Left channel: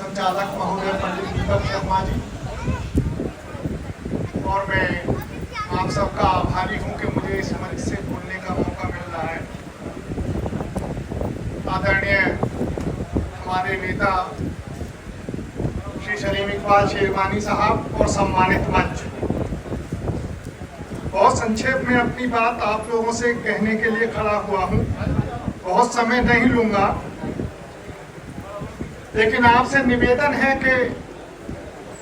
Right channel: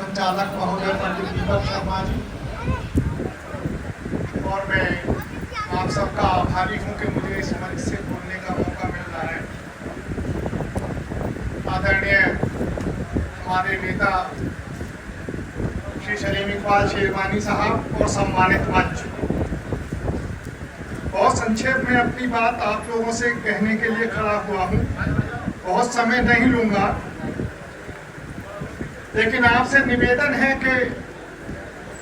संचालक महोदय पंडित दीपक शर्मा जी, और मैं आप सबका आभारी हूं कि मुझे इस मंच से बोलने का मौका मिल रहा है। आदरणीय हमारे नेता श्री सलीम इकबाल शेरवानी साहब और सम्मानित मंच, बहुत संक्षेप में अपनी बात आप लोगों से कहने के लिए खड़ा हुआ हूं। बहुत समय नहीं लूंगा, लेकिन आपसे निवेदन है कि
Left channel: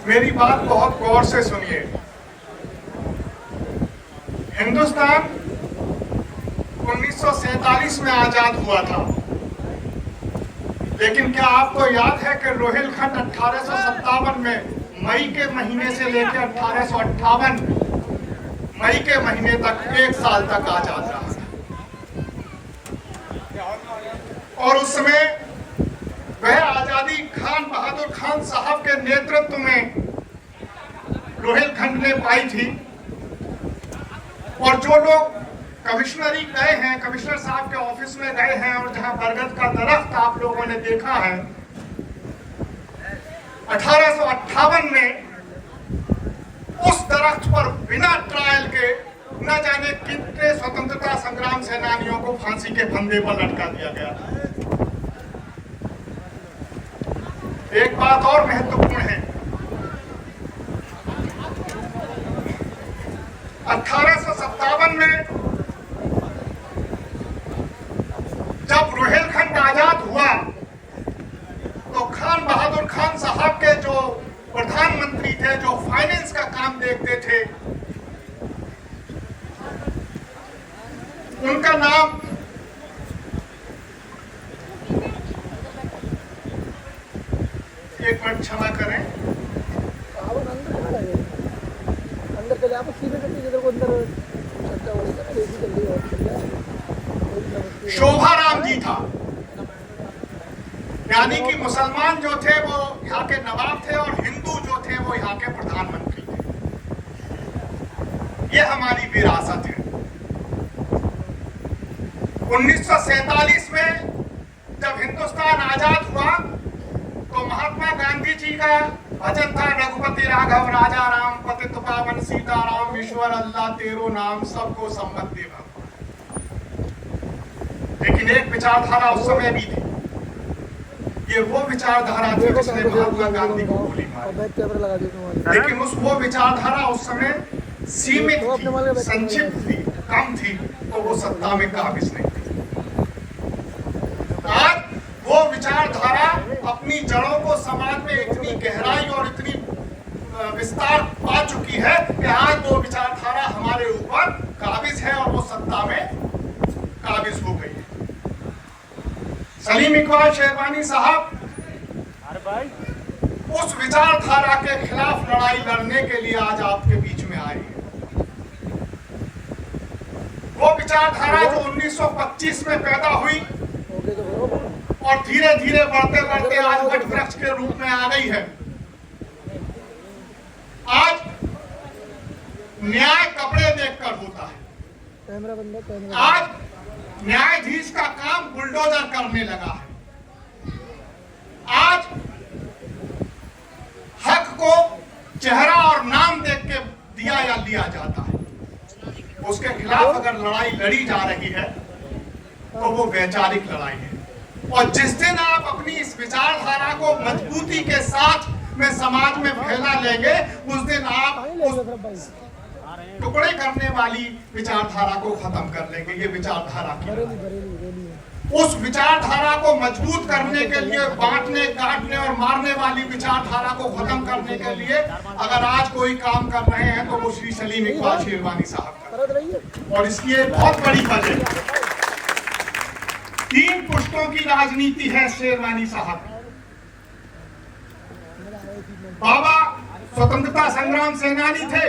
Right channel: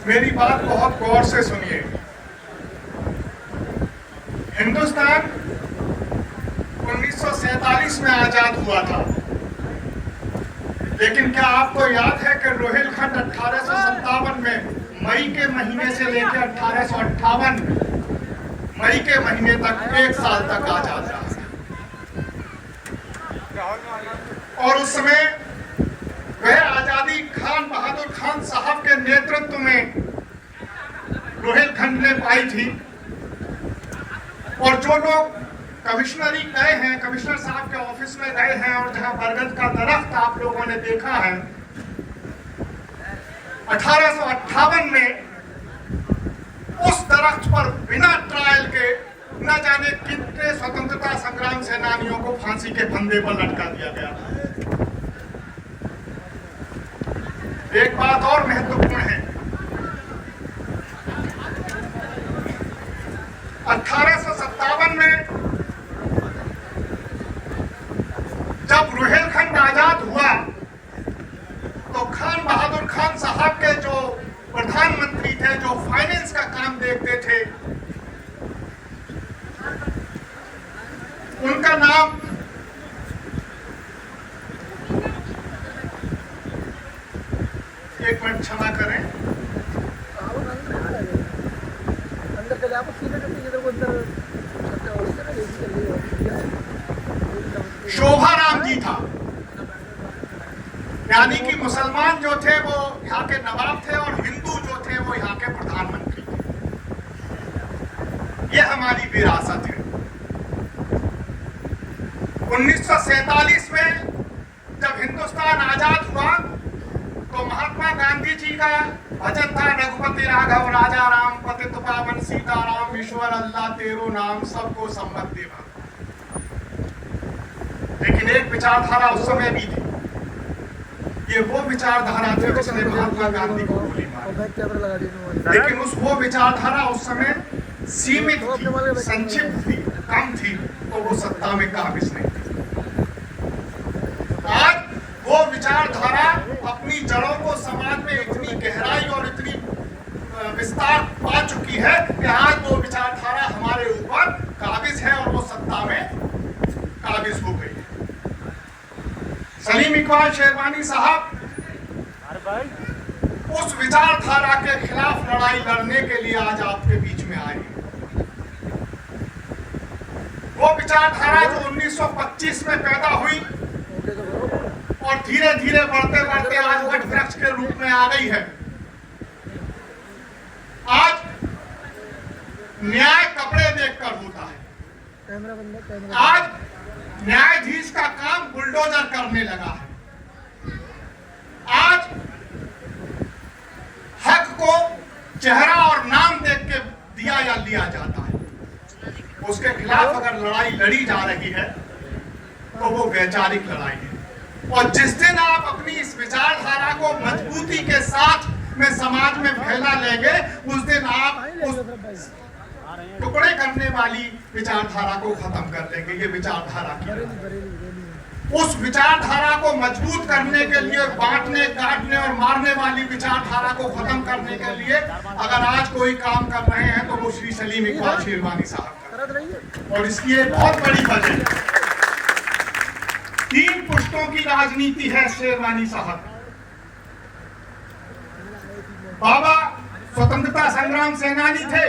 मेरी बात बहुत गौर से सुनिए। हिंदुस्तान 1947 में आजाद हुआ था, लेकिन क्या आपको याद है कि रोहिलखंड 1857 में मई के महीने से लेकर 1858 मई के महीने तक 1 साल तक आजाद रहा, और उस समय वह आजादी खान बहादुर खान साहब के नेतृत्व में रोहिलखंड ने पाई थी। और जो लोग कमिश्नरी गए हैं, कमिश्नर साहब के ऑफिस में गए हैं, और जहां बरगद का दरख्त आप लोगों ने देखा है, 1858 में उस दरख्त पर बिना ट्रायल के न जाने कितने स्वतंत्रता संग्राम सेनानियों को फांसी के फंदे पर लटका दिया गया। एक बात और महत्वपूर्ण है, 1857 में जब रोहिलखंड आजाद हुआ तो खान बहादुर खान साहब के जो प्रधानमंत्री थे, जो फाइनेंस का काम देखते थे, उनका नाम एक मिनट क्षमा करें, शोभा राम जी था। यानी कि मुसलमान जो थे वो यहाँ के नवाब थे और हिंदू जो थे वो यहाँ के प्रधानमंत्री थे। ये हमारी विरासत है। 1947 में जब हिंदुस्तान आजाद हुआ तो महात्मा गांधी जी का भजन था, रघुपति राघव राजा राम, पतित पावन सीताराम, ईश्वर अल्लाह तेरो नाम, सबको सम्मत देवा। लेकिन एक विचारधारा उस समय भी थी, ये वो विचारधारा थी जिसने महात्मा गांधी को गोली मारी। लेकिन वो विचारधारा उस समय सीमित थी, संक्षिप्त थी, कम थी, तो वो सत्ता में काबिज नहीं थी। आज वो विचारधारा अपनी जड़ों को समाज में इतनी गहराई और इतनी विस्तार पा चुकी है कि आज वो विचारधारा हमारे ऊपर काबिज है और वो सत्ता में काबिज हो गई है। सलीम इकबाल शेरवानी साहब उस विचारधारा के खिलाफ लड़ाई लड़ने के लिए आज आपके बीच में आए हैं। वो विचारधारा जो 1925 में पैदा हुई और धीरे धीरे बढ़ते बढ़ते आज वट वृक्ष के रूप में आ गई है। आज न्याय कपड़े देखकर होता है। आज न्यायाधीश का काम बुलडोजर करने लगा है। आज हक को चेहरा और नाम देख के दिया या लिया जाता है। उसके खिलाफ अगर लड़ाई लड़ी जा रही है तो वो वैचारिक लड़ाई है। और जिस दिन आप अपनी इस विचारधारा को मजबूती के साथ में समाज में फैला लेंगे, उस दिन आप उस टुकड़े करने वाली विचारधारा को खत्म कर लेंगे। ये विचारधारा की उस विचारधारा को मजबूत करने के लिए, बांटने, काटने और मारने वाली विचारधारा को खत्म करने के लिए अगर आज कोई काम कर रहे हैं तो वो श्री सलीम इकबाल शेरवानी साहब। और इसकी एक बहुत बड़ी वजह 3 पुश्तों की राजनीति है शेरवानी साहब। बाबा स्वतंत्रता संग्राम सेनानी थे,